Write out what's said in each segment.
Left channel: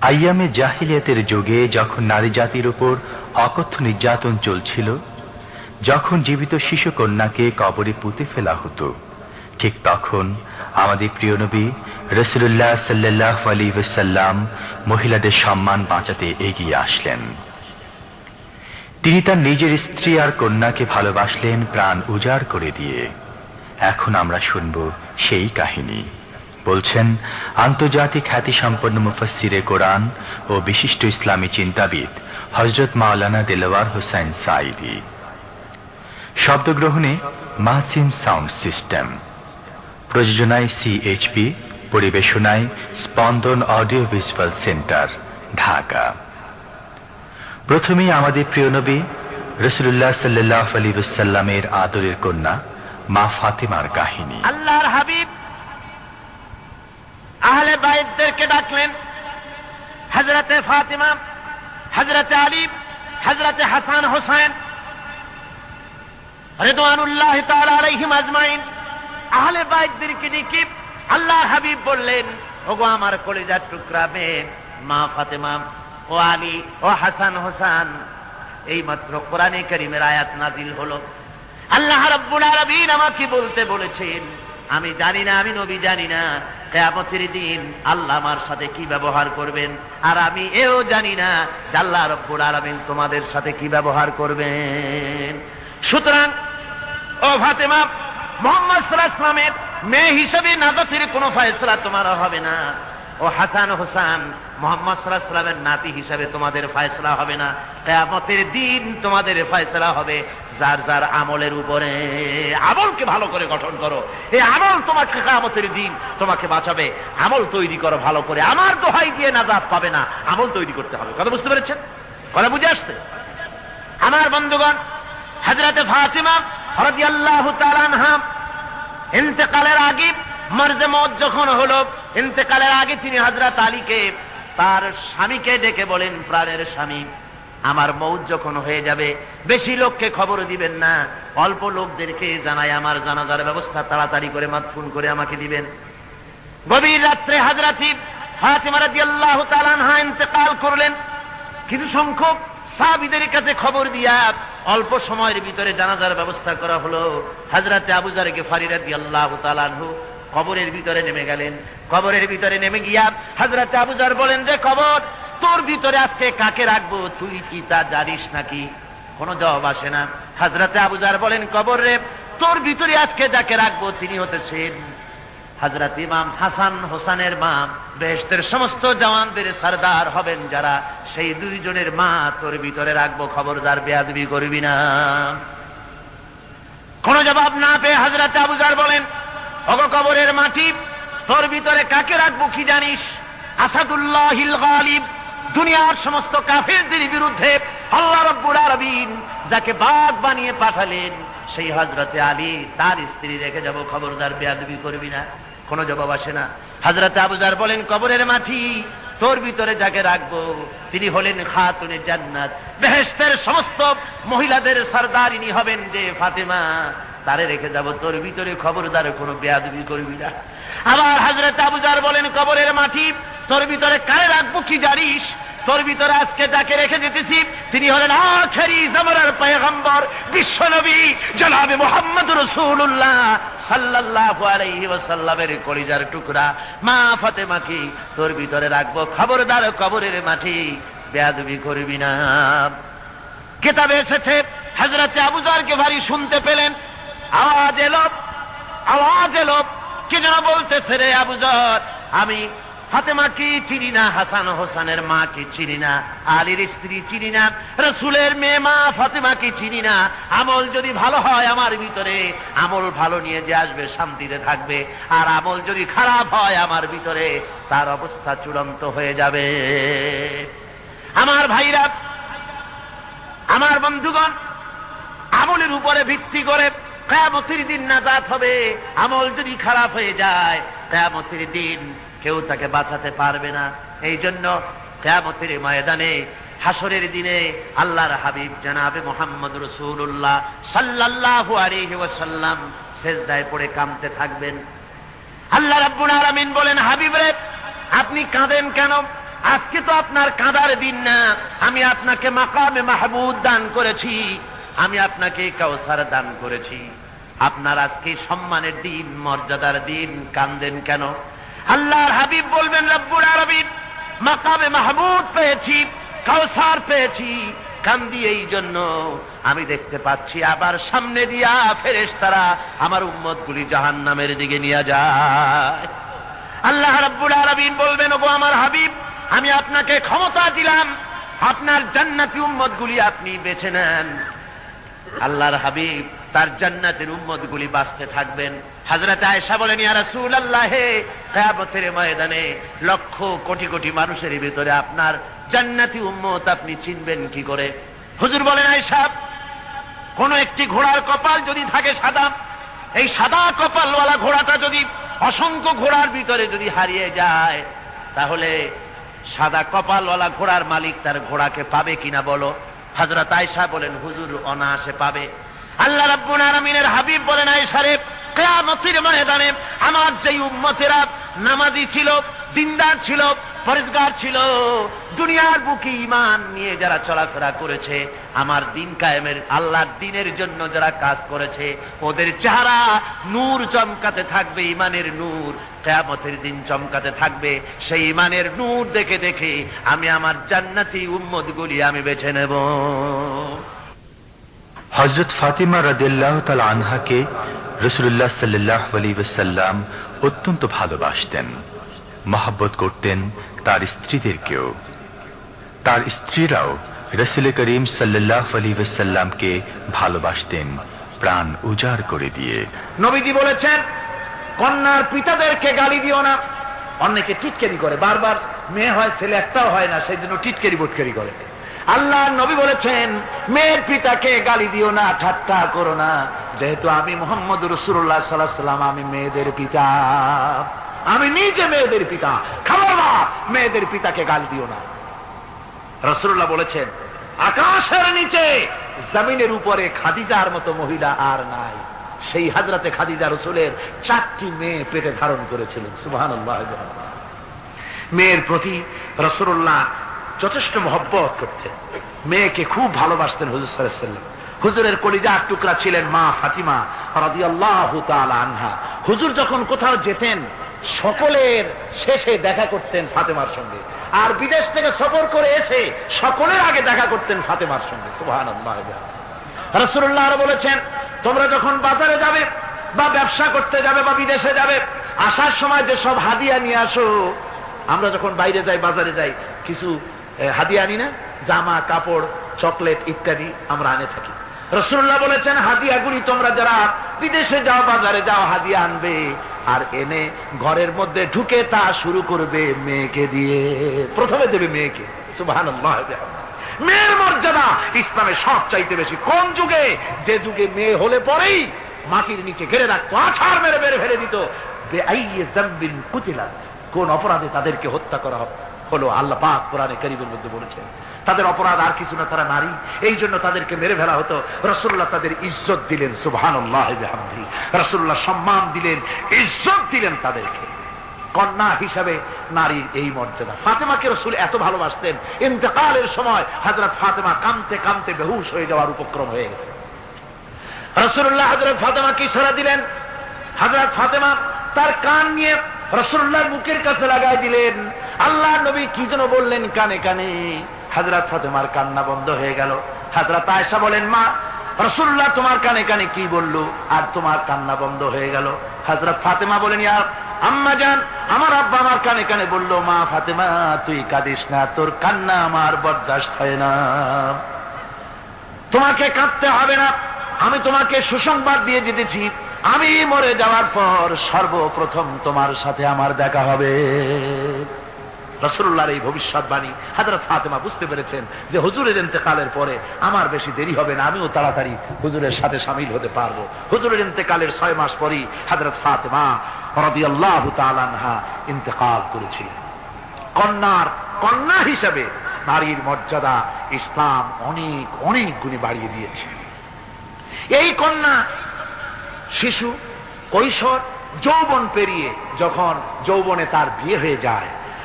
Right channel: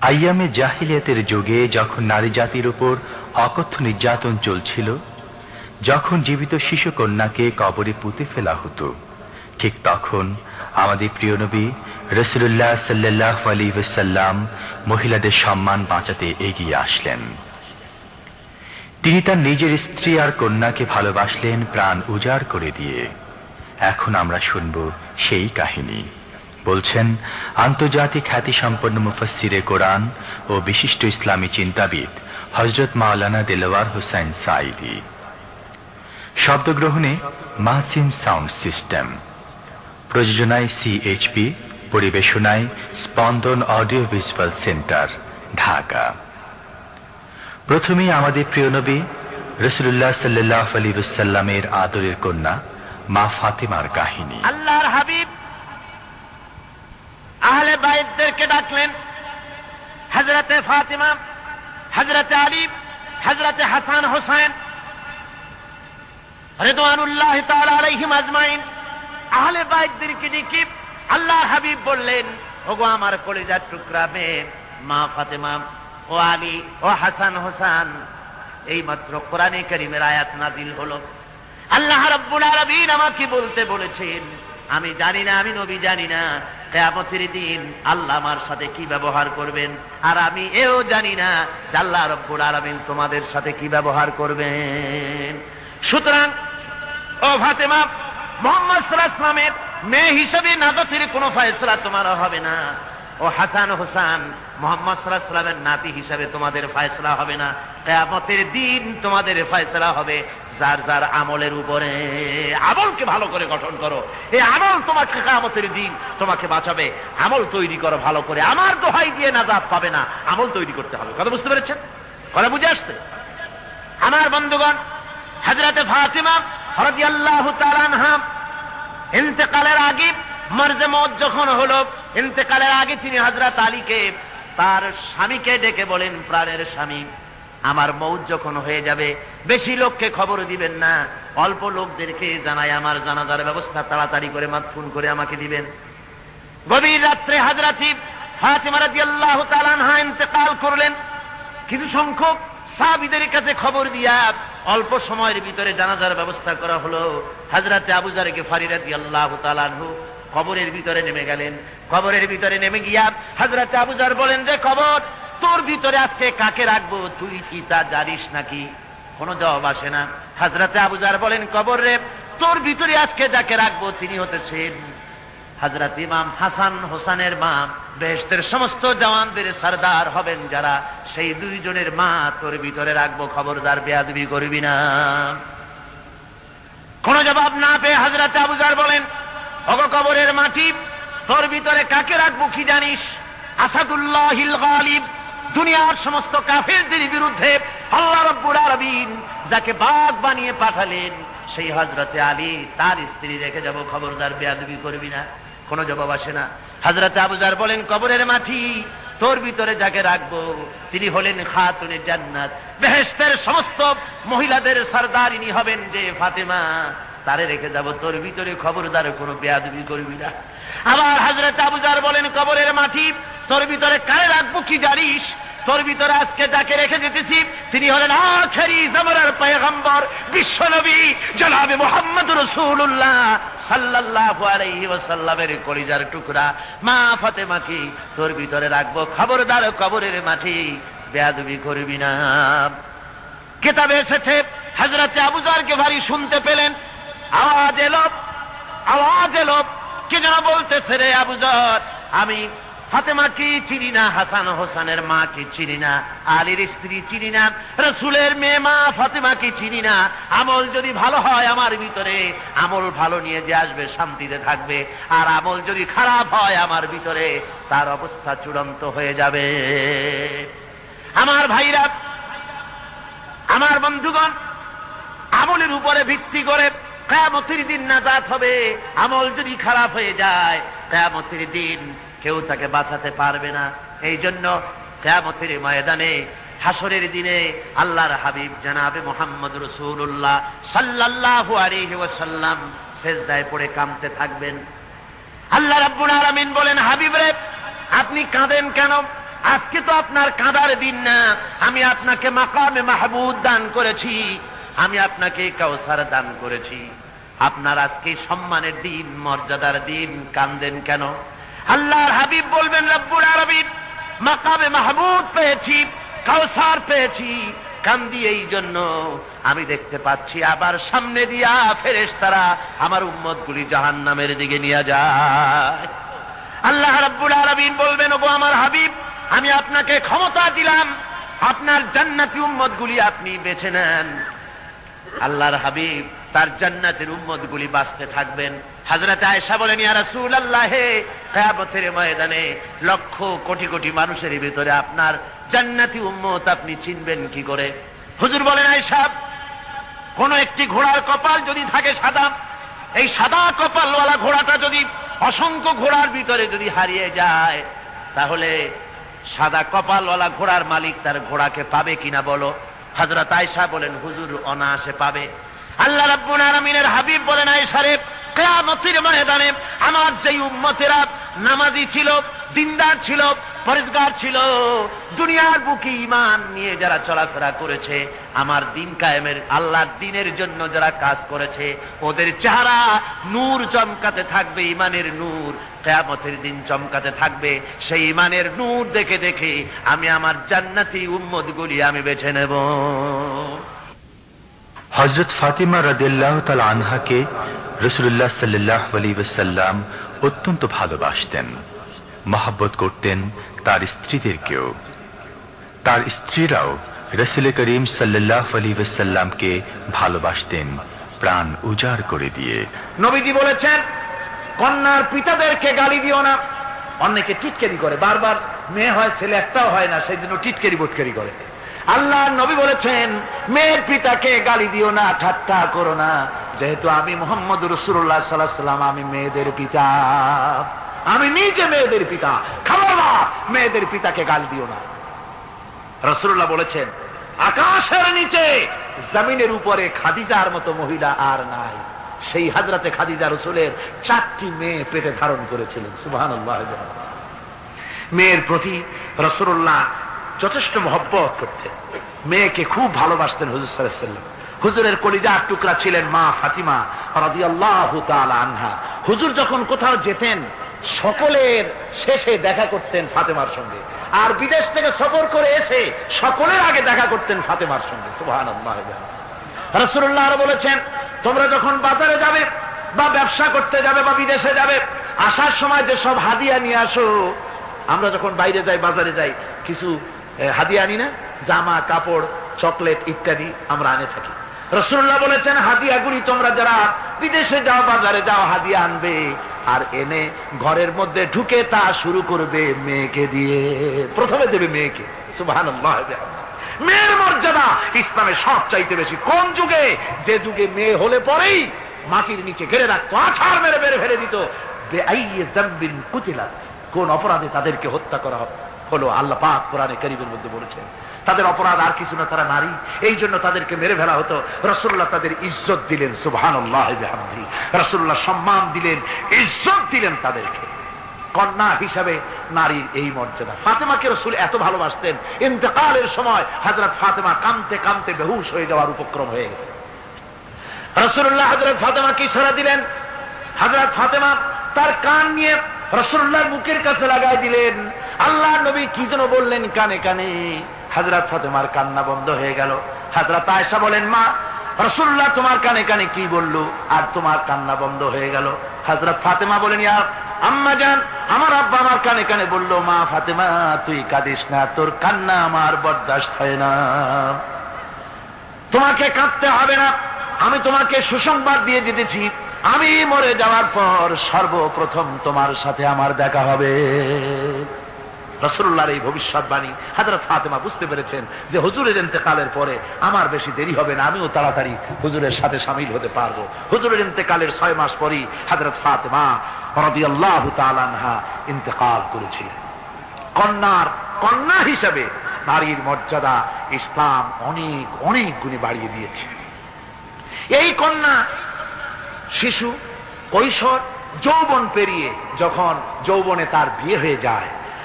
আইয়ামে জাহিলিয়াতের যুগে যখন নারী জাতির উপর অকথ্য নির্যাতন চলছিল, যখন জীবিত শিশু কন্যাকে কবরে পুঁতে ফেলা হতো, ঠিক তখন আমাদের প্রিয় নবী রাসূলুল্লাহ সাল্লাল্লাহু আলাইহি ওয়াসাল্লাম মহিলাদের সম্মান বাঁচাতে এগিয়ে আসলেন। তিনি তার নিজের স্ত্রী আর কন্যাকে ভালোবাসলেন প্রাণ উজাড় করে দিয়ে। এখন আমরা শুনব সেই কাহিনী। বলছেন আন্তর্জাতিক খ্যাতিসম্পন্ন মুফাসসিরে কোরআন ও বিশিষ্ট ইসলামী চিন্তাবিদ হযরত মাওলানা দেলোয়ার হোসেন সাঈদী। শব্দগ্রহণে মাহসিন সাউন্ড সিস্টেম, প্রযোজনায় সিএইচপি, পরিবেশনায় স্পন্দন অডিও ভিজুয়াল সেন্টার, ঢাকা। প্রথমেই আমাদের প্রিয় নবী রাসূলুল্লাহ সাল্লাল্লাহু আলাইহি ওয়াসাল্লামের আদরের কন্যা মা ফাতেমার কাহিনী। আল্লাহর হাবিব আহলে বাইতদেরকে ডাকলেন। হযরতে ফাতেমা, হযরতে আলী, হযরতে হাসান হোসেন রিদওয়ানুল্লাহি তাআলা আলাইহিম আজমাইন আহলে বাইতদেরকে ডেকে আল্লাহর হাবিব বললেন, ওগো আমার কলিজার টুকরা মেয়ে মা ফাতেমা ও আলী ও হাসান হোসেন, এইমাত্র কোরআনে কারীমের আয়াত নাযিল হলো। আল্লাহ রাব্বুল আলামিন আমাকে বলতে বলেছেন, আমি জানি না, আমি নবী জানি না কিয়ামতের দিন আল্লাহ আমার সাথে কি ব্যবহার করবেন, আর আমি এও জানি না যে আল্লাহ রাব্বুল আলামিন তোমাদের সাথে কি ব্যবহার করবেন। সুতরাং ও ফাতেমা, মুহাম্মদ সাল্লাল্লাহু আলাইহি ওয়াসাল্লামের মেয়ে হিসেবে নাজাতের কোনো ফয়সালা তোমার হবে না। ও হাসান হোসেন, মুহাম্মদ সাল্লাল্লাহু আলাইহি ওয়াসাল্লামের নাতি হিসেবে তোমাদের ফয়সালা হবে না। কিয়ামতের দিন তোমাদের ফয়সালা হবে যার যার আমলের উপরে। আমলকে ভালো করে গঠন করো, এই আমল তোমাকে কিয়ামতের দিন তোমাকে বাঁচাবে। আমল তৈরি করো ভালো করে, আমার দোহাই দিয়ে নাজাত পাবে না, আমল তৈরি করতে হবে। কথা বুঝতে পেরেছেন? কথা বুঝে আসছে? আমার বন্ধুগণ, হযরতে ফাতিমা রাদিয়াল্লাহু তাআলা আনহা ইন্তেকালের আগে, মরজে মওত যখন হলো, ইন্তেকালের আগে তিনি হযরত আলীকে, তার স্বামীকে ডেকে বলেন, প্রাণের স্বামী, আমার মওত যখন হয়ে যাবে বেশি লোককে খবর দিবেন না, অল্প লোকদেরকে জানাই আমার জানাজার ব্যবস্থা তাড়াতাড়ি করে মাদফুন করে আমাকে দিবেন। গভীর রাত্রে হযরত ফাতিমা রাদিয়াল্লাহু তাআলা আনহা ইন্তেকাল করলেন। কিছু সংখ্যক সাহাবীদের কাছে খবর দিয়া অল্প সময়ের ভিতরে জানাজার ব্যবস্থা করা হলো। হযরত আবু যর গিফারী রাদিয়াল্লাহু তাআলা আনহু কবরের ভিতরে নেমে গেলেন। কবরের ভিতরে নেমে গিয়া হযরত আবু যর বলেন যে, কবর তোর ভিতরে আজকে কাকে রাখবো, তুই কি তা জানিস নাকি? কোনো জবাব আসে না। হযরত আবু যর বলেন, কবর রে, তোর ভিতরে আজকে যাকে রাখবো তিনি হতেছেন হযরত ইমাম হাসান হোসেনের মা, বেহেশতের সমস্ত জওয়ানদের সরদার হবেন যারা, সেই দুইজনের মা তোর ভিতরে রাখবো, খবরদার বেয়াদবি করবি না। কোন জবাব না পেয়ে হযরত আবু যর বলেন, ওগো কবরের মাটি, তোর ভিতরে কাকে রাখবো কি জানিস? আসাদুল্লাহিল গালিব, দুনিয়ার সমস্ত কাফেরদের বিরুদ্ধে আল্লাহ রাব্বুল আলামিন যাকে বাঘ বানিয়ে পাঠালেন, সেই হযরতে আলী, তার স্ত্রী রেখে যাব, খবরদার বেয়াদবি করবি না। কোনো জবাব আসে না। হযরত আবু যর বলেন, কবরের মাটি, তোর ভিতরে যাকে রাখবো তিনি হলেন খাতুনে জান্নাত, বেহেশতের সমস্ত মহিলাদের সরদারিনী হবেন যে ফাতেমা, তারে রেখে যাব, তোর ভিতরে খবরদার কোনো বেয়াদবি করবি না। আবার হযরত আবু যর বলেন, কবরের মাটি, তোর ভিতরে কারে রাখবো কি জানিস? তোর ভিতরে আজকে যাকে রেখে দিতেছি তিনি হলেন আখেরি জামানার পয়গম্বর, বিশ্বনবী জনাবে মুহাম্মদ রাসূলুল্লাহ সাল্লাল্লাহু আলাইহি ওয়াসাল্লামের কলিজার টুকরা মা ফাতেমাকে তোর ভিতরে রাখবো, খবরদার কবরের মাটি বেয়াদবি করবি না। কিতাবে এসেছে, হযরত আবু যর গিফারী শুনতে পেলেন, আওয়াজ এলো, কে যেন বলতেছে, রে আবু যর, আমি ফাতেমা কি চিনি না, হাসান হোসেনের মা কি চিনি না, আলীর স্ত্রী চিনি না, রাসূলের মেয়ে মা ফাতেমা কি চিনি না। আমল যদি ভালো হয় আমার ভিতরে, আমল ভালো নিয়ে যে আসবে শান্তিতে থাকবে, আর আমল যদি খারাপ হয় আমার ভিতরে, তার অবস্থা চূড়ান্ত হয়ে যাবে। আমার ভাইরা, আমার বন্ধুগণ, আমলের উপরে ভিত্তি করে কিয়ামতের দিন নাজাত হবে। আমল যদি খারাপ হয়ে যায়, কিয়ামতের দিন কেউ তাকে বাঁচাতে পারবে না। এই জন্য কিয়ামতের ময়দানে, হাসরের দিনে আল্লাহর হাবিব জনাবে মুহাম্মদ রাসূলুল্লাহ সাল্লাল্লাহু আলাইহি ওয়াসাল্লাম সিজদায় পড়ে কাঁদতে থাকবেন। আল্লাহ রাব্বুল আলামিন বলেন, হাবিব রে, আপনি কাঁদেন কেন? আজকে তো আপনার কাঁদার দিন না, আমি আপনাকে মাকামে মাহমুদ দান করেছি, আমি আপনাকে কাউসার দান করেছি, আপনার আজকে সম্মানের দিন, মর্যাদার দিন, কান্দেন কেন? আল্লাহর হাবিব বলবেন, রব্বুল আলামিন মাকামে মাহমুদ পেয়েছি, কাউসার পেয়েছি, কান্দি এই জন্য আমি দেখতে পাচ্ছি আবার সামনে দিয়া ফেরেশতারা আমার উম্মতগুলি জাহান্নামের দিকে নিয়ে যায়। আল্লাহ রাব্বুল আলামিন বলবেন, ওগো আমার হাবিব, আমি আপনাকে ক্ষমতা দিলাম, আপনার জান্নাতি উম্মতগুলি আপনি বেছে নেন। আল্লাহর হাবিব তার জান্নাতের উম্মতগুলি বাঁচতে থাকবেন। হযরত আয়েশা বলেন, ইয়া রাসূলুল্লাহ, কিয়ামতের ময়দানে লক্ষ কোটি কোটি মানুষের ভিতরে আপনার জান্নাতি উম্মত আপনি চিনবেন কি করে? হুজুর বলেন, আয়েশা, কোন একটি ঘোড়ার কপাল যদি থাকে সাদা, এই সাদা কপালওয়ালা ঘোড়াটা যদি অসংখ্য ঘোড়ার ভিতরে যদি হারিয়ে যায়, তাহলে সাদা কপালওয়ালা ঘোড়ার মালিক তার ঘোড়াকে পাবে কিনা বলো? হযরত আয়েশা বলেন, হুজুর অনায়াসে পাবে। আল্লাহ রাব্বুল আলামিনের হাবিব বলেন, আয়েশা রে, কিয়ামতের ময়দানে আমার যে উম্মতেরা নামাজি ছিল, দিনদার ছিল, পরেজগার ছিল, দুনিয়ার বুকে ঈমান নিয়ে যারা চলাফেরা করেছে, আমার দিন কায়েমের আল্লাহর দিনের জন্য যারা কাজ করেছে, ওদের চেহারা নূর চমকাতে থাকবে, ঈমানের নূর কিয়ামতের দিন চমকাতে থাকবে। সেই ঈমানের নূর দেখে দেখে আমি আমার জান্নাতি উম্মতগুলি আমি বেছে নেব। হযরত ফাতিমা রাদিয়াল্লাহু তাআলা আনহাকে রাসূলুল্লাহ সাল্লাল্লাহু আলাইহি ওয়াসাল্লাম অত্যন্ত ভালোবাসতেন, মহব্বত করতেন তার স্ত্রীদেরকেও। তার স্ত্রীরাও রাসূল করিম সাল্লাল্লাহু আলাইহি ওয়াসাল্লামকে ভালোবাসতেন প্রাণ উজাড় করে দিয়ে। নবীজি বলেছেন, কন্যার পিতাদেরকে গালি দিও না। অনেকে টিটকারি করে, বারবার মেয়ে হয়, ছেলে একটাও হয় না, সেই জন্য টিটকারি বটকারি করে। আল্লাহ নবী বলেছেন, মেয়ের পিতাকে গালি দিও না, ঠাট্টা করো না, যেহেতু আমি মুহাম্মদ রাসূলুল্লাহ সাল্লাল্লাহু আলাইহি ওয়াসাল্লাম, আমি মেয়েদের পিতা, আমি নিজে মেয়েদের পিতা। খবরদার, মেয়েদের পিতাকে গালি দিও না। রাসূলুল্লাহ বলেছেন, আকাশের নিচে জমিনের উপরে খাদিজার মতো মহিলা আর নাই। সেই হযরতে খাদিজা রাসূলের 4টি মেয়ে পেটে ধারণ করেছিলেন। সুবহানাল্লাহ। মেয়ের প্রতি রাসূলুল্লাহ যথেষ্ট মহব্বত করতেন, মেয়েকে খুব ভালোবাসতেন হুজুর সাল্লাল্লাহু আলাইহি ওয়াসাল্লাম। হুজুরের কলিজার টুকরা ছিলেন মা ফাতিমা রাদিয়াল্লাহু তাআলা আনহা। হুজুর যখন কোথাও যেতেন, সকলের শেষে দেখা করতেন ফাতেমার সঙ্গে, আর বিদেশ থেকে সফর করে এসে সকলের আগে দেখা করতেন ফাতেমার সঙ্গে। সুবহানাল্লাহ। রাসূলুল্লাহ আরো বলেছেন, তোমরা যখন বাজারে যাবে বা ব্যবসা করতে যাবে বা বিদেশে যাবে, আসার সময় যে সব হাদিয়া নিয়ে আসো। আমরা যখন বাইরে যাই, বাজারে যাই, কিছু হাদিয়া আনি না? জামা, কাপড়, চকলেট ইত্যাদি আমরা আনে থাকি। রাসূলুল্লাহ বলেছেন, হাদিয়াগুলি তোমরা যারা বিদেশে যাও, বাজারে যাও, হাদিয়া আনবে, আর এনে ঘরের মধ্যে ঢুকে তা শুরু করবে মেয়েকে দিয়ে। প্রথমে দেবে মেয়েকে। সুবহানাল্লাহ। মেয়ের মর্যাদা ইসলামে সব চাইতে বেশি। কোন যুগে? যে যুগে মেয়ে হলে পরেই মাটির নিচে ঘেরে রাখতো, আছাড় মেরে মেরে ফেলে দিত। যে আইয়ে যামবিন কুতিলাত, কোন অপরাধে তাদেরকে হত্যা করা হলো, আল্লাহ পাক কোরআনে কারীমের মধ্যে বলেছেন। তাদের অপরাধ আর কিছু না, তারা নারী, এই জন্য তাদেরকে মেরে ফেলা হতো। রাসূলুল্লাহ তাদের ইজ্জত দিলেন। সুবহানাল্লাহ বিহামদিহি। রাসূলুল্লাহ সম্মান দিলেন, ইজ্জত দিলেন তাদেরকে। কন্যা হিসাবে নারীর এই মর্যাদা। ফাতেমাকে রাসূল এত ভালোবাসতেন, ইন্তেকালের সময় হযরত ফাতেমা কাঁদতে কাঁদতে বেহুশ হয়ে যাওয়ার উপক্রম হয়ে গেছে। রাসূলুল্লাহ হযরত ফাতেমাকে ইশারা দিলেন। হযরত ফাতেমা তার কান নিয়ে রাসূলুল্লাহর মুখের কাছে লাগাই দিলেন। আল্লাহ নবী কি যেন বললেন কানে কানে, হযরত ফাতেমার কান্না বন্ধ হয়ে গেল। হযরত আয়েশা বলেন, মা, রাসূলুল্লাহ তোমার কানে কানে কি বলল আর তোমার কান্না বন্ধ হয়ে গেল? হযরত ফাতেমা বলেন, ইয়া আম্মা জান, আমার আব্বা আমার কানে কানে বলল, মা ফাতেমা তুই কাঁদিস না, তোর কান্না আমার বরদাস্ত হয় না, তোমাকে কাঁদতে হবে না। আমি তোমাকে সুসংবাদ দিয়ে যেতেছি, আমি মরে যাওয়ার পর সর্বপ্রথম তোমার সাথে আমার দেখা হবে। রাসূলুল্লাহর এই ভবিষ্যৎবাণী হযরত ফাতেমা বুঝতে পেরেছেন যে হুজুরের ইন্তেকালের পরে আমার বেশি দেরি হবে না, আমিও তাড়াতাড়ি হুজুরের সাথে শামিল হতে পারবো। হুজুরের ইন্তেকালের 6 মাস পরই হযরত ফাতেমা রাদিয়াল্লাহু তাআলা আনহা ইন্তেকাল করেছিলেন। কন্যা হিসেবে নারীর মর্যাদা ইসলাম অনেক অনেক গুণে বাড়িয়ে দিয়েছে। এই কন্যা শিশু, কৈশোর, যৌবন পেরিয়ে যখন যৌবনে তার বিয়ে হয়ে যায়,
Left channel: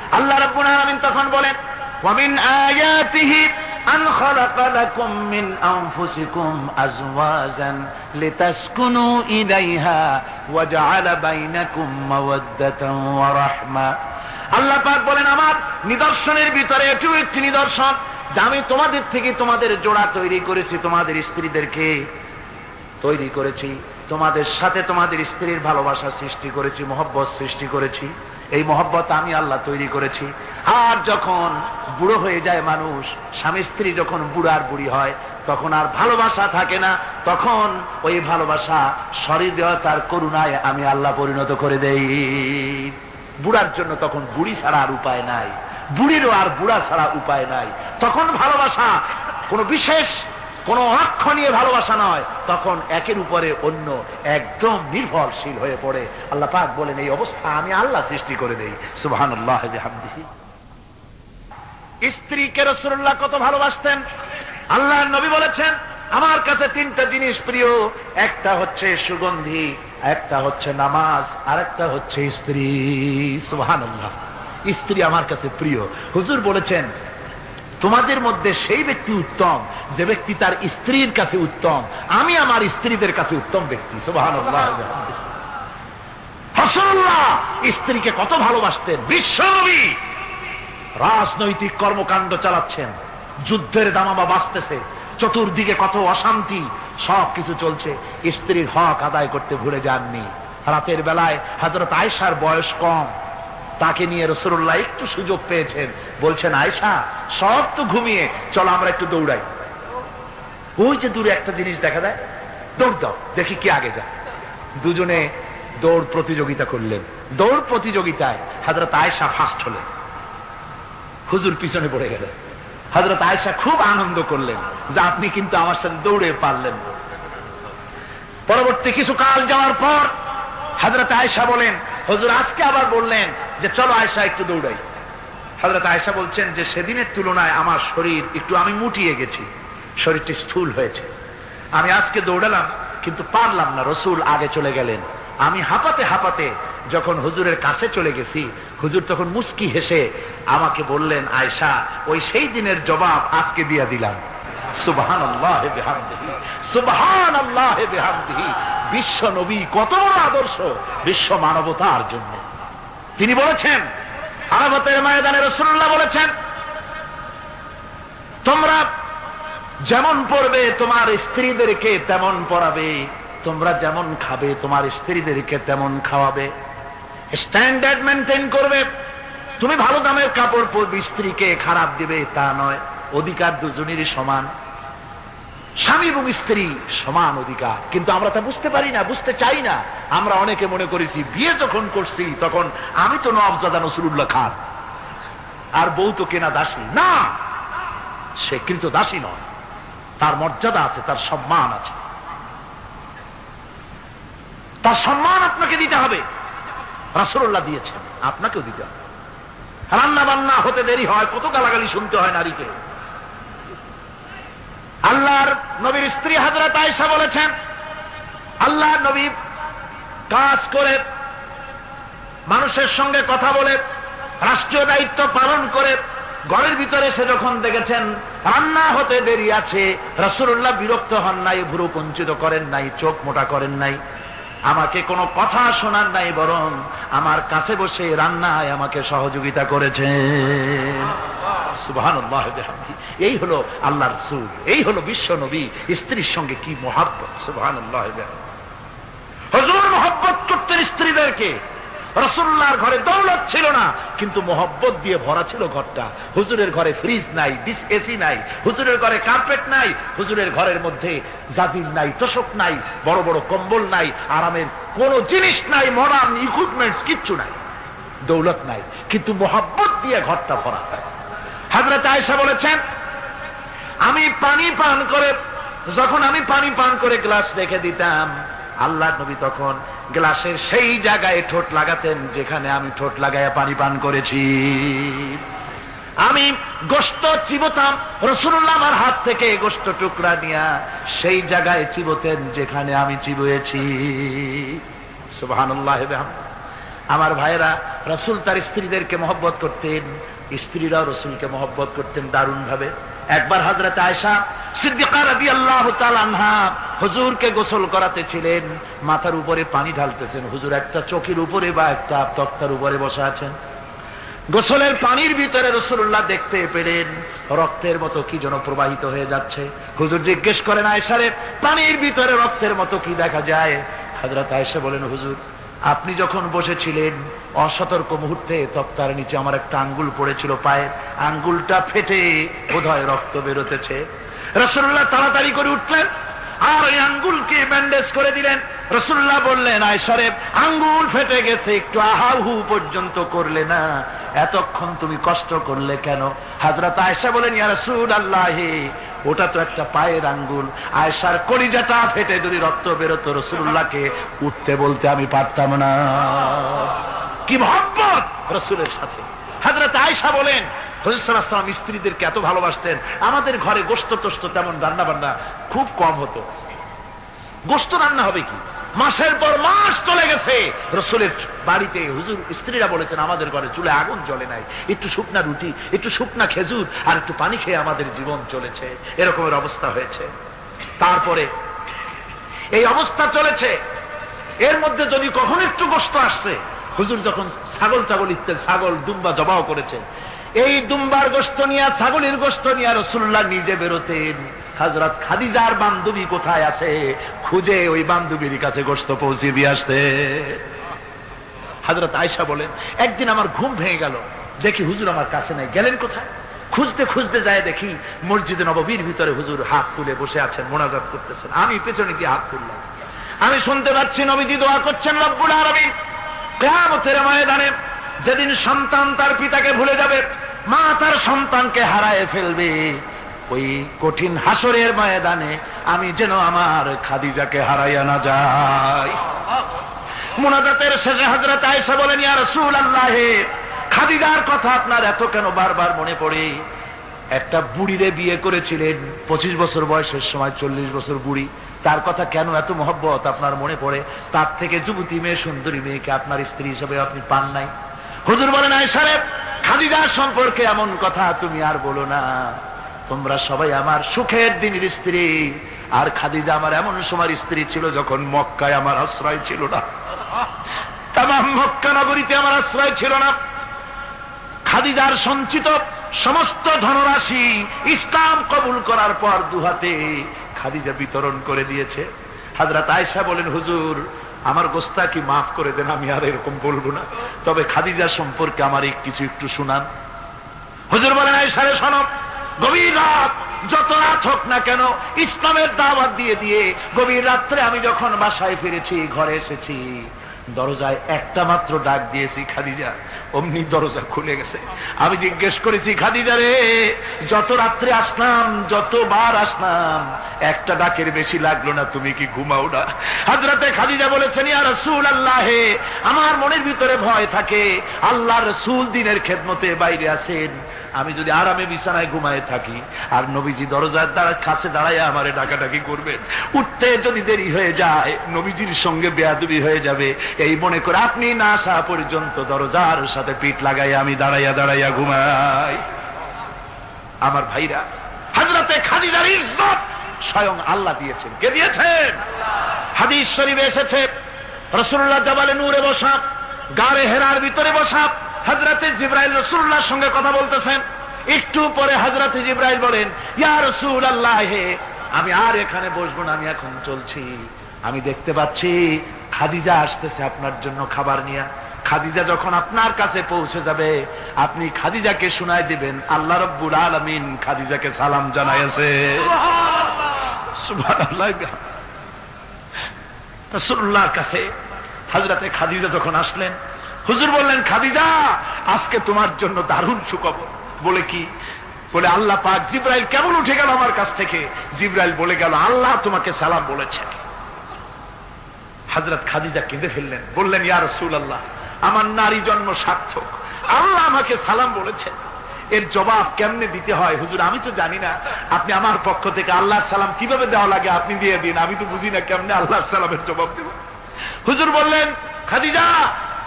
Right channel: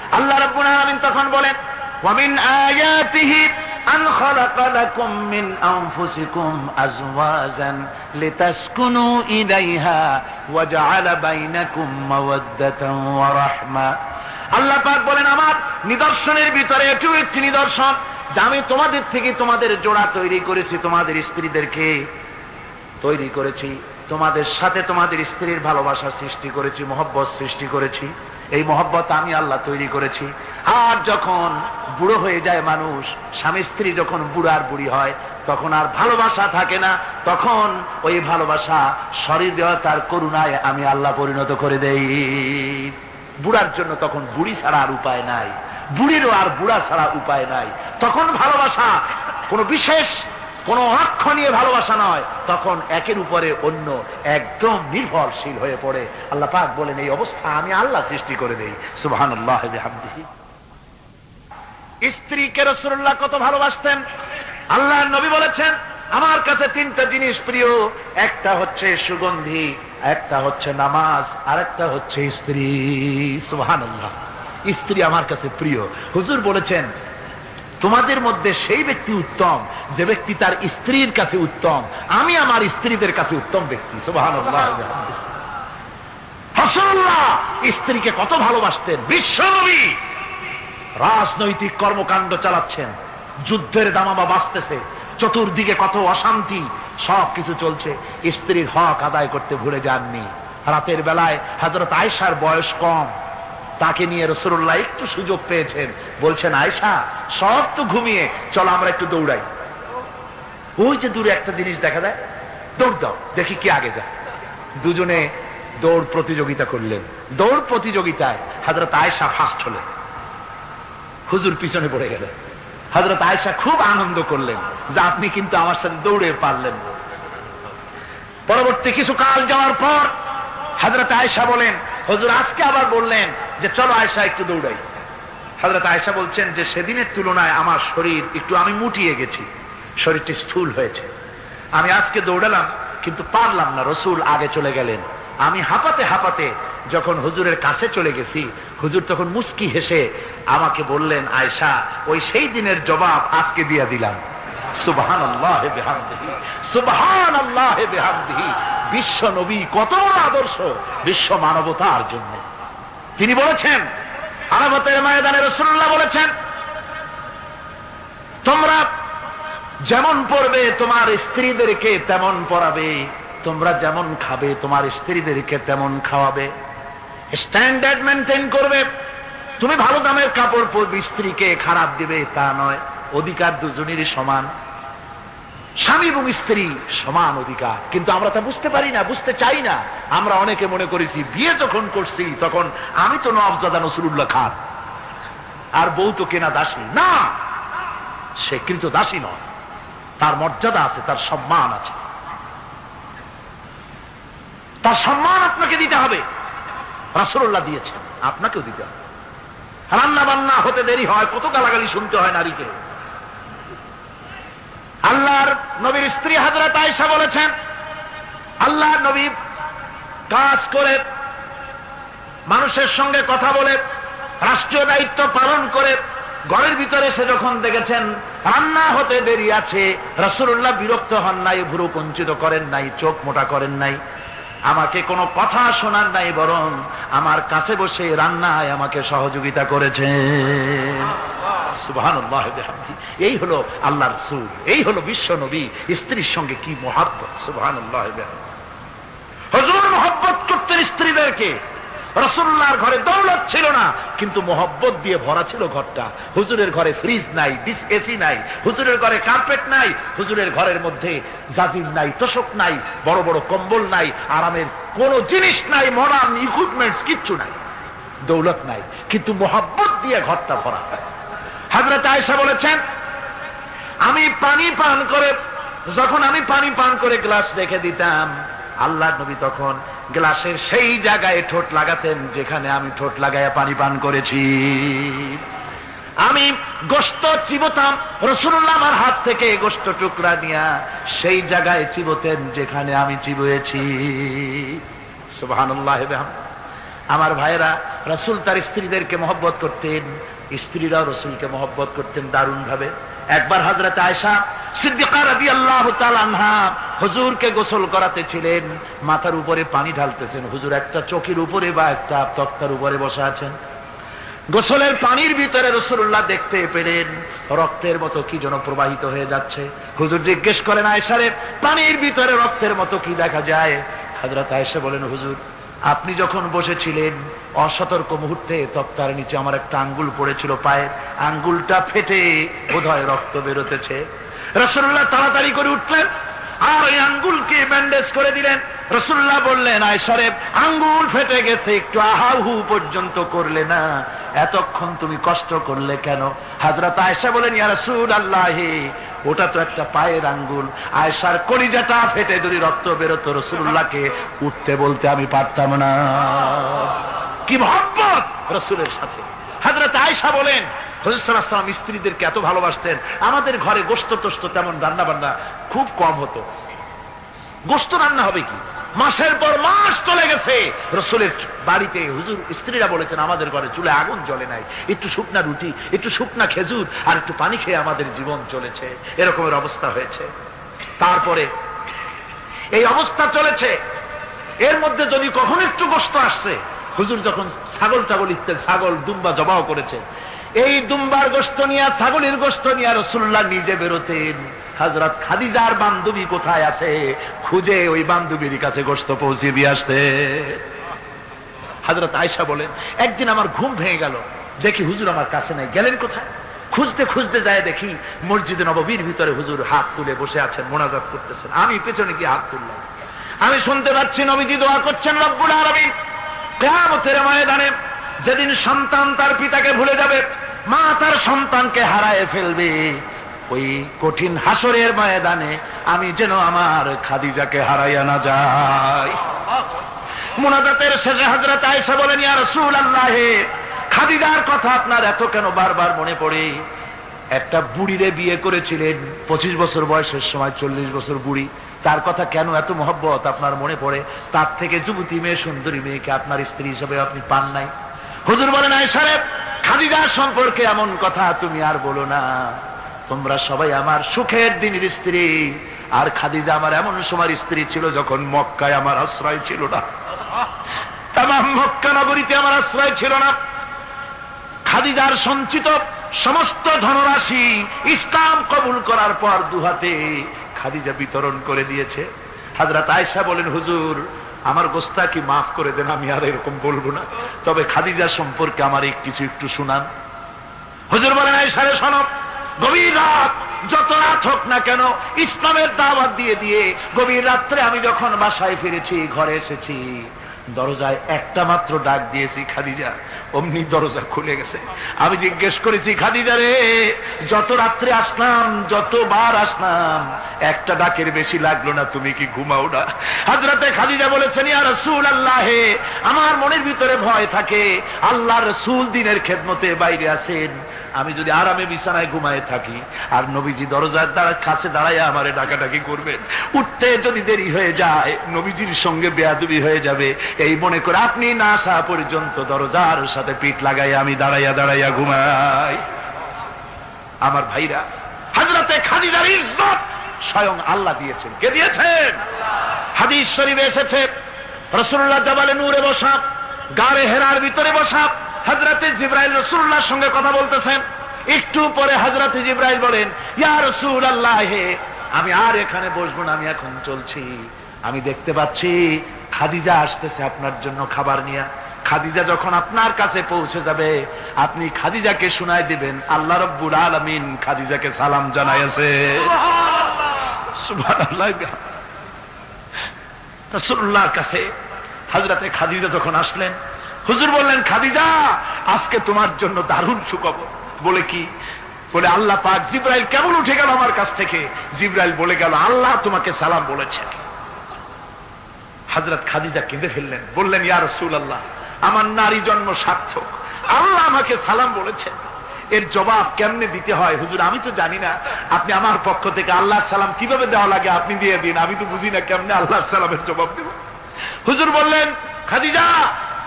আল্লাহ রাব্বুল আলামিন তখন বলেন, ওয়ামিন আয়াতিহি আন খালাকা লাকুম মিন আনফুসিকুম আজওয়াজান লিতাসকুনু ইলাইহা ওয়া জাআলা বাইনাকুম মাওয়াদ্দাতান ওয়া রাহমা। আল্লাহ পাক বলেন, আমার নিদর্শনের ভিতরে এটিও একটি নিদর্শন যে আমি তোমাদের থেকে তোমাদের জোড়া তৈরি করেছি, তোমাদের স্ত্রীদেরকে তৈরি করেছি, তোমাদের সাথে তোমাদের স্ত্রীর ভালোবাসা সৃষ্টি করেছি, মহব্বত সৃষ্টি করেছি। এই মহব্বত আমি আল্লাহ তৈরি করেছি। আর যখন বুড়ো হয়ে যায় মানুষ, স্বামী স্ত্রী যখন বুড়ার বুড়ি হয়, তখন আর ভালোবাসা থাকে না, তখন ওই ভালোবাসা সহৃদয়তার করুণায় আমি আল্লাহ পরিণত করে দেই। বুড়ার জন্য তখন বুড়ি ছাড়া আর উপায় নাই, বুড়িরও আর বুড়া ছাড়া উপায় নাই। তখন ভালোবাসা কোনো বিশেষ কোন অক্ষণীয় ভালোবাসা নয়, তখন একের উপরে অন্য একদম নির্ভরশীল হয়ে পড়ে। আল্লাহ পাক বলেন, এই অবস্থা আমি আল্লাহ সৃষ্টি করে দেই। সুবহানাল্লাহ ওয়া বিহামদিহি। স্ত্রীকে রাসূলুল্লাহ কত ভালোবাসতেন। আল্লাহর নবী বলেছেন, আমার কাছে তিনটা জিনিস প্রিয়, একটা হচ্ছে সুগন্ধি, একটা হচ্ছে নামাজ, আর একটা হচ্ছে স্ত্রী। সুবহানাল্লাহ। স্ত্রী আমার কাছে প্রিয়। হুজুর বলেছেন, তোমাদের মধ্যে সেই ব্যক্তি উত্তম যে ব্যক্তি তার স্ত্রীর কাছে উত্তম। আমি আমার স্ত্রীদের কাছে উত্তম ব্যক্তি। সুবহানাল্লাহ। রাসূলুল্লাহ স্ত্রীকে কত ভালোবাসতেন। বিশ্বনবী রাজনৈতিক কর্মকাণ্ড চালাচ্ছেন, যুদ্ধের দামামা বাজতেছে, চতুর্দিকে কত অশান্তি, সবকিছু চলছে, স্ত্রীর হক আদায় করতে ভুলে যাননি। রাতের বেলায় হযরত আয়েশার বয়স কম, তাকে নিয়ে রাসূলুল্লাহ একটু সুযোগ পেয়েছেন, বলছেন, আয়েশা সব তো ঘুমিয়ে, চলো আমরা একটু দৌড়াই। ওই যে দূরে একটা জিনিস দেখা যায়, দৌড় দাও, দেখি কে আগে যায়। দুজনে দৌড় প্রতিযোগিতা করলেন। দৌড় প্রতিযোগিতায় হযরত আয়েশা ফার্স্ট হলেন, হুজুর পিছনে পড়ে গেলেন। হযরত আয়েশা খুব আনন্দ করলেন যে আপনি কিন্তু আমার সাথে দৌড়ে পারলেন। পরবর্তী কিছু কাল যাওয়ার পর হযরত আয়েশা বলেন, হুজুর আজকে আবার বললেন যে চলো আয়েশা একটু দৌড়াই। হযরত আয়েশা বলছেন যে সেদিনের তুলনায় আমার শরীর একটু, আমি মুটিয়ে গেছি, শরীরটি স্থূল হয়েছে। আমি আজকে দৌড়ালাম কিন্তু পারলাম না, রাসূল আগে চলে গেলেন। আমি হাঁপাতে হাঁপাতে যখন হুজুরের কাছে চলে গেছি, হুজুর তখন মুস্কি হেসে আমাকে বললেন, আয়েশা ওই সেই দিনের জবাব আজকে দিয়া দিলাম। সুবহানাল্লাহ বিহামদিহি, সুবহানাল্লাহ বিহামদিহি। বিশ্ব নবী কত বড় আদর্শ বিশ্ব মানবতার জন্য। তিনি বলেছেন, আরাফাতের ময়দানে রাসূলুল্লাহ বলেছেন, তোমরা যেমন পড়বে তোমার স্ত্রীদেরকে তেমন পড়াবে, তোমরা যেমন খাবে তোমার স্ত্রীদেরকে তেমন খাওয়াবে। স্ট্যান্ডার্ড মেনটেন করবে। তুমি ভালো দামের কাপড় পরবে, স্ত্রীকে খারাপ দিবে তা নয়। অধিকার দুজনেরই সমান, স্বামী এবং স্ত্রী সমান অধিকার। কিন্তু আমরা তা বুঝতে পারি না, বুঝতে চাই না। আমরা অনেকে মনে করেছি বিয়ে যখন করছি তখন আমি তো নওয়াবজাদা নসরুল্লাহ খান, আর বউ তো কেনা দাসী না। সে কিন্তু দাসী নয়, তার মর্যাদা আছে, তার সম্মান আছে, তার সম্মান আপনাকে দিতে হবে। রাসূলুল্লাহ দিয়েছেন, আপনাকেও দিতে হবে। রান্না বান্না হতে দেরি হয়, কত গালাগালি শুনতে হয় নারীকে। আল্লাহর নবীর স্ত্রী হযরত আয়েশা বলেছেন, আল্লাহর নবী কাজ করে, মানুষের সঙ্গে কথা বলে, রাষ্ট্রীয় দায়িত্ব পালন করে, ঘরের ভিতরে এসে যখন দেখেছেন রান্না হতে দেরি আছে, রাসূলুল্লাহ বিরক্ত হন নাই, ভুরু কুঞ্চিত করেন নাই, চোখ মোটা করেন নাই, আমাকে কোনো কথা শোনার নাই, বরং আমার কাছে বসে রান্নায় আমাকে সহযোগিতা করেছেন। সুবহানাল্লাহ বিহামদিহি। এই হলো আল্লাহর রাসূল, এই হলো বিশ্ব নবী। স্ত্রীর সঙ্গে কি মহব্বত! সুবহানাল্লাহ বিহামদিহি। হুজুর মহব্বত করতেন স্ত্রীদেরকে। রাসূলুল্লাহর ঘরে দৌলত ছিল না, কিন্তু মহব্বত দিয়ে ভরা ছিল ঘরটা। হুজুরের ঘরে ফ্রিজ নাই, এসি নাই, হুজুরের ঘরে কার্পেট নাই, হুজুরের ঘরের মধ্যে জাজির নাই, তোশক নাই, বড় বড় কম্বল নাই, আরামের কোন জিনিস নাই, মডার্ন ইকুইপমেন্টস কিচ্ছু নাই, দৌলত নাই, কিন্তু মহব্বত দিয়ে ঘরটা ভরা। হযরত আয়েশা বলেছেন, আমি পানি পান করে, যখন আমি পানি পান করে গ্লাস রেখে দিতাম, আল্লাহর নবী তখন গ্লাসের সেই জায়গায় ঠোঁট লাগাতেন যেখানে আমি ঠোঁট লাগাইয়া পানি পান করেছি। আমি গোশত চিবোতাম, রাসূলুল্লাহ আমার হাত থেকে গোশত টুকরা নিয়া সেই জায়গায় চিবোতেন যেখানে আমি চিবুয়েছি। সুবহানাল্লাহ। আমার ভাইরা, রাসূল তার স্ত্রীদেরকে মহব্বত করতেন, স্ত্রীরাও রাসূলকে মহব্বত করতেন দারুণ ভাবে। একবার হযরত আয়েশা সিদ্দিকা রাদিয়াল্লাহু তাআলা আনহা হুজুরকে গোসল করাতে ছিলেন, মাথার উপরে পানি ঢালতেছেন, হুজুর একটা চৌকির উপরে বা একটা তক্তার উপরে বসে আছেন। গোসলের পানির ভিতরে রাসূলুল্লাহ দেখতে পেলেন রক্তের মতো কি যেন প্রবাহিত হয়ে যাচ্ছে। হুজুর জিজ্ঞেস করেন, আয়েশা রে, পানির ভিতরে রক্তের মতো কি দেখা যায়? হযরত আয়েশা বলেন, হুজুর আপনি যখন বসেছিলেন অসতর্ক মুহূর্তে তক্তার নিচে আমার একটা আঙ্গুল পড়েছিল, পায়ের আঙ্গুলটা ফেটে বোধহয় রক্ত বেরোতেছে। রাসূলুল্লাহ তাড়াতাড়ি করে উঠলেন আর ওই আঙ্গুলকে ব্যান্ডেজ করে দিলেন। রাসূলুল্লাহ বললেন, আয়েশা রে, আঙ্গুল ফেটে গেছে, একটু আহাহু পর্যন্ত করলে না, এতক্ষণ তুমি কষ্ট করলে কেন? হযরত আয়েশা বলেন, ইয়া রাসূলুল্লাহ, ওটা তো একটা পায়ের আঙ্গুল, আয়েশার কলিজাটা ফেটে যদি রক্ত বেরোতো রাসূলুল্লাহকে উঠতে বলতে আমি পারতাম না। কি মহব্বত রাসূলের সাথে। হযরত আয়েশা বলেন, হুজুর সাল্লাল্লাহু আলাইহি ওয়াসাল্লাম স্ত্রীদেরকে এত ভালোবাসতেন, আমাদের ঘরে গোশত টোস্ত তেমন রান্না বান্না খুব কম হতো। গোশত রান্না হবে কি, মাসের পর মাস চলে গেছে রাসূলের বাড়িতে, হুজুর স্ত্রীরা বলেছেন আমাদের ঘরে চুলে আগুন জ্বলে নাই, একটু শুকনা রুটি, একটু শুকনা খেজুর আর একটু পানি খেয়ে আমাদের জীবন চলেছে, এরকমের অবস্থা হয়েছে। তারপরে এই অবস্থা চলেছে, এর মধ্যে যদি কখন একটু গোশত আসছে, হুজুর যখন ছাগল টাগল ইত্যাদি ছাগল দুম্বা জবাও করেছেন, এই দুম্বার গোশত নিয়ে ছাগলের গোশত নিয়ে রাসূলুল্লাহ নিজে বেরোতেন। হযরত খাদিজার বান্ধবী কোথায় আছে খুঁজে ওই বান্ধবীর কাছে গোশত পৌঁছে দিয়ে আসতে। হযরত আয়েশা বলেন, একদিন আমার ঘুম ভেঙে গেল, দেখি হুজুর আমার কাছে নেই, গেলেন কোথায়? খুঁজতে খুঁজতে যায় দেখি মসজিদে নববীর ভিতরে হুজুর হাত তুলে বসে আছেন, মোনাজাত করতেছেন। আমি পেছনে গিয়ে হাত তুললাম, আমি শুনতে পাচ্ছি নবীজি দোয়া করছেন, রব্বুল আলামিন কিয়ামতের ময়দানে যেদিন সন্তান তার পিতাকে ভুলে যাবে, মা তার সন্তানকে হারায় ফেলবে, ওই কঠিন হাসরের ময়দানে আমি যেন আমার খাদিজাকে হারাইয়া না যাই। মুনাজাতের শেষে হযরত আয়েশা বলেন, ইয়া রাসূলুল্লাহ, খাদিজার কথা আপনার এত কেন বারবার মনে পড়ে? একটা বুড়িরে বিয়ে করেছিলেন 25 বছর বয়সের সময়, 40 বছর বুড়ি, তার কথা কেন এত মহব্বত আপনার মনে পড়ে? তার থেকে যুবতী মেয়ে, সুন্দরী মেয়েকে আপনার স্ত্রী হিসেবে আপনি পান নাই। হুজুর বলেন, আয়েশা রে, খাদিজার সম্পর্কে এমন কথা তুমি আর বলো না, তোমরা সবাই আমার সুখের দিনের স্ত্রী, আর খাদিজা আমার এমন সময় স্ত্রী ছিল যখন মক্কায় আমার আশ্রয় ছিল না, তামাম মক্কা নগরীতে আমার আশ্রয় ছিল না। খাদিজার সঞ্চিত সমস্ত ধনরাশি ইসলাম কবুল করার পর দুহাতে খাদিজা বিতরণ করে দিয়েছে। হযরত আয়েশা বলেন, হুজুর আমার গোস্তাকি মাফ করে দেন, আমি আর এরকম বলবো না, তবে খাদিজা সম্পর্কে আমার কিছু একটু শুনান। হুজুর বলেন, আয়েশা রে শোনো, গভীর রাত, যত রাত হোক না কেন, ইসলামের দাওয়াত দিয়ে দিয়ে গভীর রাত্রে আমি যখন বাসায় ফিরেছি, ঘরে এসেছি, দরজায় একটা মাত্র ডাক দিয়েছি, খাদিজা, অমনি দরজা খুলে গেছে। আমি জিজ্ঞেস করেছি, খাদিজা রে, যত রাত্রে আসলাম, যতবার আসলাম, একটা ডাকের বেশি লাগলো না, তুমি কি ঘুমাও না? হযরতে খাদিজা বলেছেন, ইয়া রাসূলুল্লাহ, আমার মনের ভিতরে ভয় থাকে, আল্লাহর রাসূল দিনের খেদমতে বাইরে আছেন, আমি যদি আরামে বিছানায় ঘুমায় থাকি আর নবীজি দরজার কাছে দাঁড়ায় আমারে ডাকাডাকি করবেন, উঠতে যদি দেরি হয়ে যায় নবীজির সঙ্গে বেয়াদবি হয়ে যাবে, এই মনে করে আপনি না আসা পর্যন্ত দরজার সাথে পিঠ লাগাই আমি দাঁড়াইয়া দাঁড়াইয়া ঘুমাই। আমার ভাইরা, হযরতে খাদিজার ইজ্জত স্বয়ং আল্লাহ দিয়েছেন। কে দিয়েছেন? হাদিস শরীফে এসেছে, রাসূলুল্লাহ জাবালে নূরে বসা, গারে হেরার ভিতরে বসা, হযরতে জিবরাইল রাসূলুল্লাহর সঙ্গে কথা বলতেছেন। একটু পরে হযরতে জিবরাইল বলেন, ইয়া রাসূলুল্লাহ, আমি আর এখানে বসবো না, আমি এখন চলছি। আমি দেখতে পাচ্ছি খাদিজা আসতেছে আপনার জন্য খাবার নিয়ে। খাদিজা যখন আপনার কাছে পৌঁছে যাবে, আপনি খাদিজাকে শুনায় দিবেন, আল্লাহ রাব্বুল আলামিন খাদিজাকে সালাম জানাইছে। সুবহানাল্লাহ। রাসূলুল্লাহর কাছে হযরতে খাদিজা যখন আসলেন, হুজুর বললেন, খাদিজা, আজকে তোমার জন্য দারুণ সুখবর। বলে কি? বলে আল্লাহ পাক জিবরাইল কেমন উঠে গেল আমার কাছ থেকে, জিবরাইল বলে গেল আল্লাহ তোমাকে সালাম বলেছেন। হযরত খাদিজা কেঁদে ফেললেন, বললেন, ইয়া রাসূলুল্লাহ, আমার নারী জন্ম সার্থক, আল্লাহ আমাকে সালাম বলেছেন, এর জবাব কেমনে দিতে হয় হুজুর আমি তো জানি না, আপনি আমার পক্ষ থেকে আল্লাহর সালাম কিভাবে দেওয়া লাগে আপনি দিয়ে দিন, আমি তো বুঝি না কেমনে আল্লাহর সালামের জবাব দেব। হুজুর বললেন, খাদিজা,